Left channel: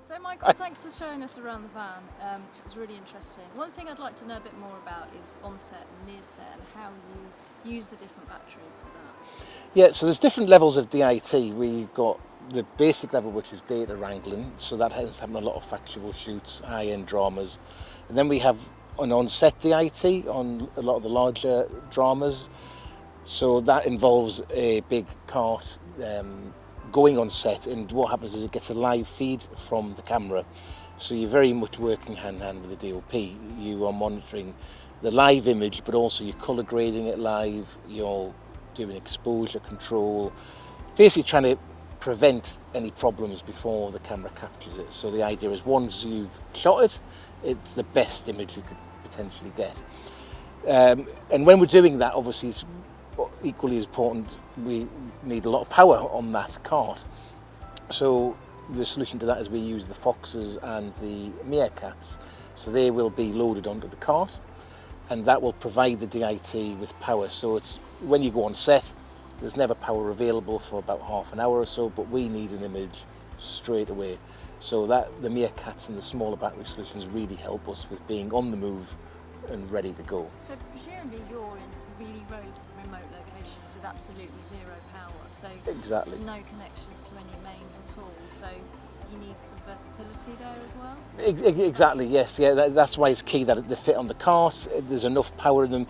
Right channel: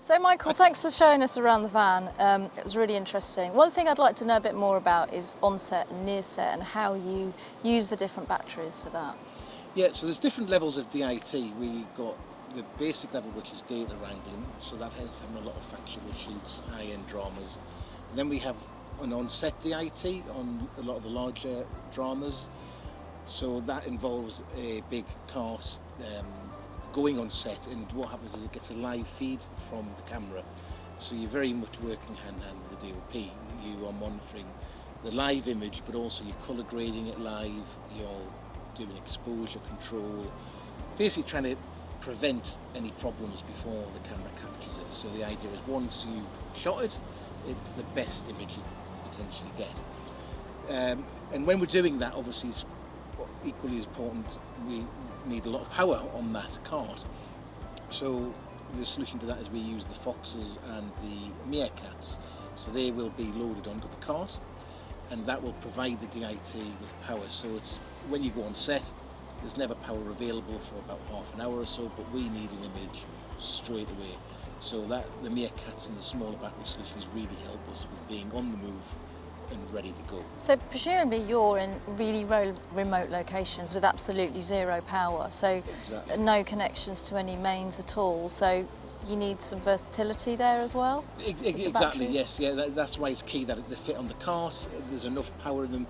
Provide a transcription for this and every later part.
So Michael, thanks for showing us around the van. It was really interesting. One thing I'd like to know a bit more about is on-set and near-set and how you use the different batteries for that. Yeah, so there's different levels of DIT. We've got the basic level, which is data wrangling, so that has having a lot of factual shoots, high-end dramas. And then we have an on-set DIT on a lot of the larger dramas. So that involves a big cart going on set, and what happens is it gets a live feed from the camera. So you're very much working hand-in-hand with the DOP. You are monitoring the live image, but also you're colour grading it live, you're doing exposure control, basically trying to prevent any problems before the camera captures it. So the idea is once you've shot it, it's the best image you could potentially get. And when we're doing that, obviously it's equally as important, we need a lot of power on that cart. So the solution to that is we use the Foxes and the Meerkats. So they will be loaded onto the cart, and that will provide the DIT with power. So it's when you go on set, there's never power available for about half an hour or so, but we need an image straight away. So that the Meerkats and the smaller battery solutions really help us with being on the move and ready to go. So presumably you're in really remote locations with absolutely zero power, so Exactly. no connections to any mains at all, so you need some versatility there as well? Exactly, Batteries? yes, yeah, that's why it's key that they fit on the cart. There's enough power in them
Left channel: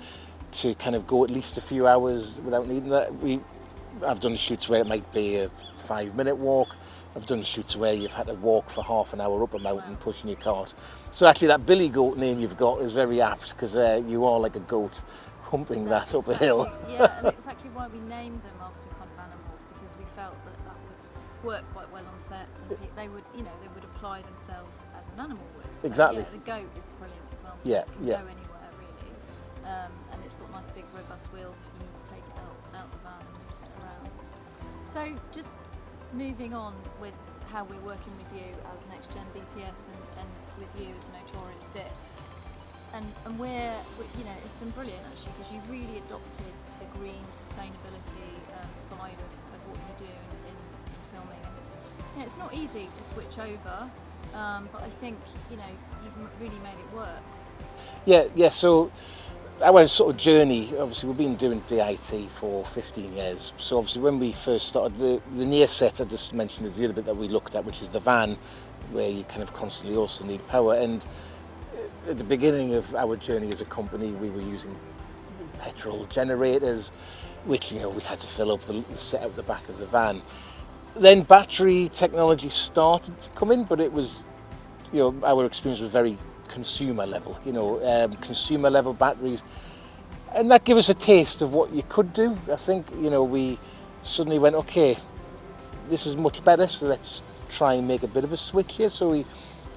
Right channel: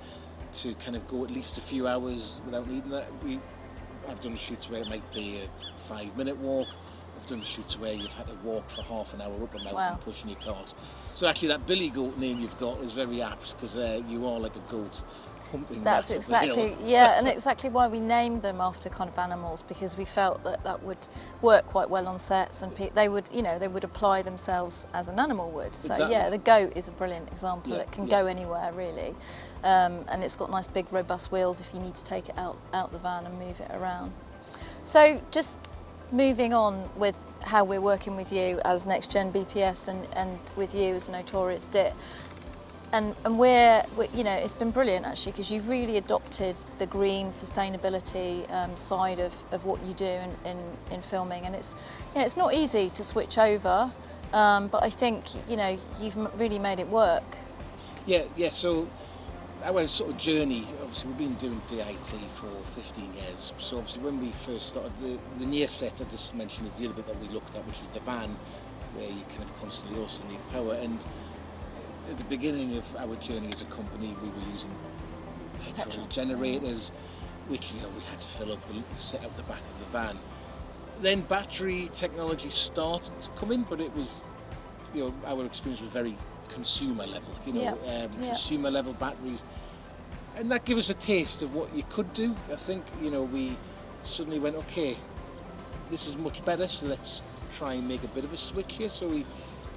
to kind of go at least a few hours without needing that. I've done shoots where it might be a 5-minute walk. I've done shoots where you've had to walk for half an hour up a mountain. Wow. Pushing your cart. So actually that billy goat name you've got is very apt, because you are like a goat humping that up a hill. Yeah, and exactly why we named them after kind of animals, because we felt that that would work quite well on sets, and they would, they would apply themselves as an animal would. So exactly. Yeah, the goat is a brilliant example. It can go anywhere really, and it's got nice big robust wheels if you need to take it out the van and move it around. So just moving on with how we're working with you as NXTGENbps and with you as Notorious DIT. And we're it's been brilliant actually, because you've really adopted the green sustainability side of what you do in filming, and it's not easy to switch over, but I think you've really made it work. Yeah. So our sort of journey, obviously we've been doing DIT for 15 years. So obviously when we first started, the near set I just mentioned is the other bit that we looked at, which is the van, where you kind of constantly also need power. And at the beginning of our journey as a company, we were using petrol generators, which we had to fill up the set out the back of the van. Then battery technology started to come in, but it was, our experience was very consumer level, consumer level batteries, and that gave us a taste of what you could do. I think we suddenly went, okay, this is much better, so let's try and make a bit of a switch here. So we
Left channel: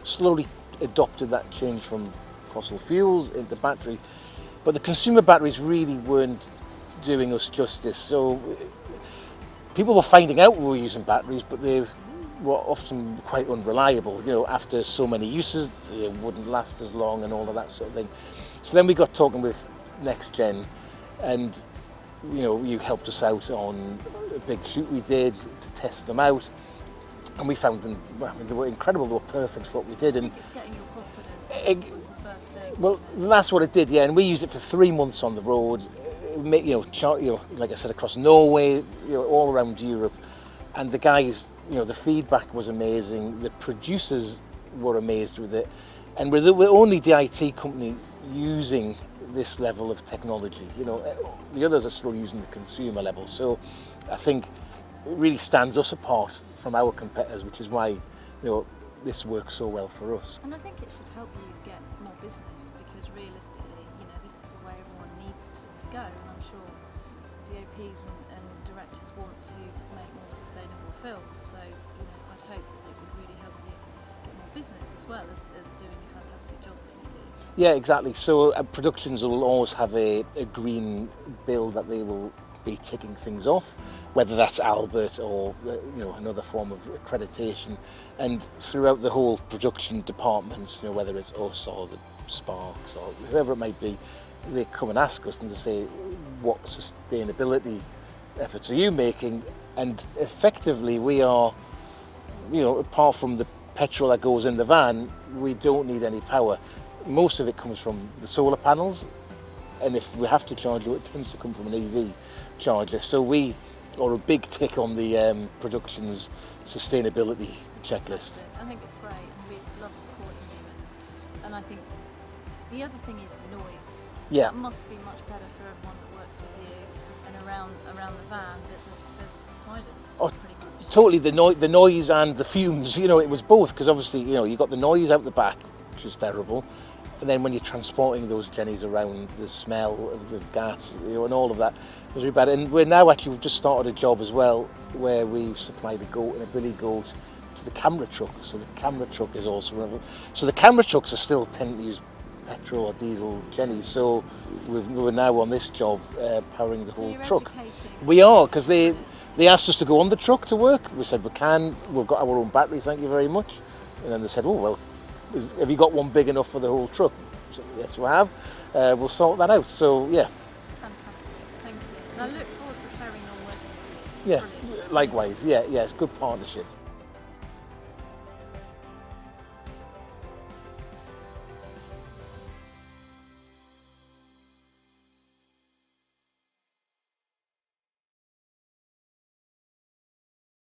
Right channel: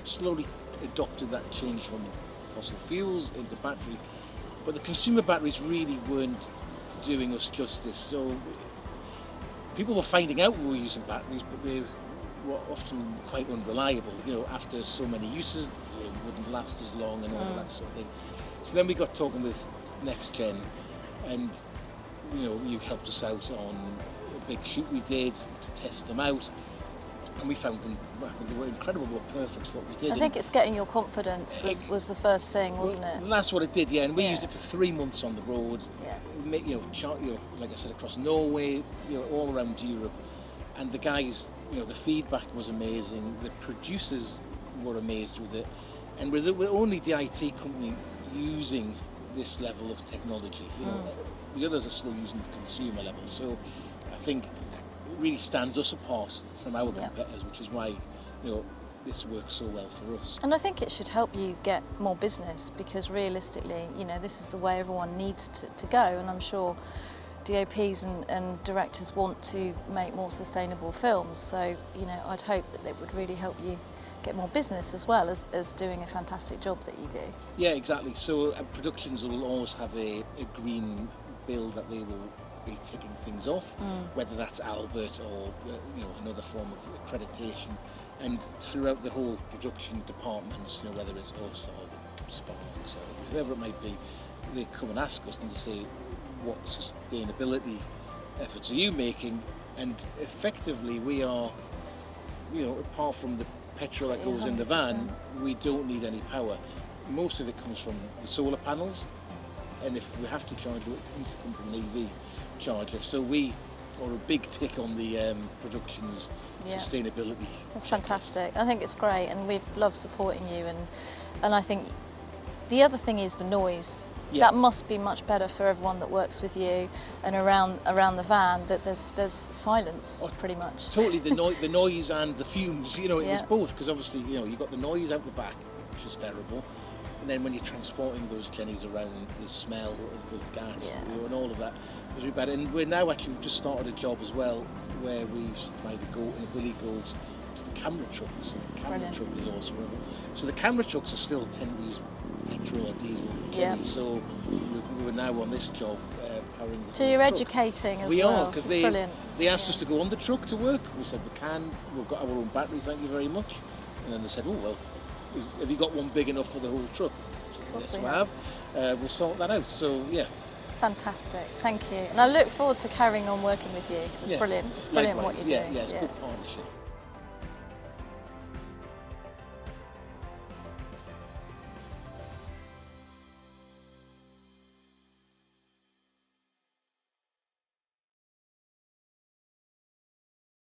slowly adopted that change from fossil fuels into battery, but the consumer batteries really weren't doing us justice. So people were finding out we were using batteries, but they were often quite unreliable. After so many uses, they wouldn't last as long and all of that sort of thing. So then we got talking with NXTGEN, and you helped us out on a big shoot we did to test them out, and we found them, they were incredible, they were perfect for what we did. I think it's getting your confidence was the first thing, wasn't it? Well, that's what it did, yeah, and we used it for 3 months on the road, like I said, across Norway, all around Europe, and the guys, the feedback was amazing, the producers were amazed with it, and we're the only DIT company using this level of technology. The others are still using the consumer level, so I think it really stands us apart from our competitors, which is why this works so well for us. And I think it should help you get more business, because realistically, this is the way everyone needs to go, and I'm sure DOPs and directors want to make more sustainable films, so I'd hope that it would really help you get more business as well as doing a fantastic job that you do. Yeah, exactly. So productions will always have a green bill that they will be ticking things off, whether that's Albert or another form of accreditation. And throughout the whole production departments, whether it's us or the Sparks or whoever it might be, they come and ask us and they say, what sustainability efforts are you making? And effectively we are, apart from the petrol that goes in the van, we don't need any power. Most of it comes from the solar panels, and if we have to charge it, it tends to come from an EV charger. So we are a big tick on the production's sustainability. It's checklist. fantastic. I think it's great, and we've loved supporting you. And I think the other thing is the noise. Yeah. That must be much better for everyone that works with you and around the van. That there's silence, pretty much. Totally, the noise and the fumes. You know, it was both, because obviously, you know, you got the noise out the back, which is terrible, and then when you're transporting those jennies around, the smell of the gas, you know, and all of that was really bad. And we've just started a job as well where we've supplied a billy goat to the camera truck. So the camera truck is also running. So the camera trucks are still tend to use petrol or diesel jennies. So we're now on this job powering the whole truck. So you're educating as well. We are, because they asked us to go on the truck to work. We said we can. We've got our own battery, thank you very much. And then they said, oh well, have you got one big enough for the whole truck? So yes, we have. We'll sort that out. So yeah. Fantastic, thank you. And I look forward to carrying on working with you. It's brilliant. It's brilliant. Likewise, what you do. it's good partnership.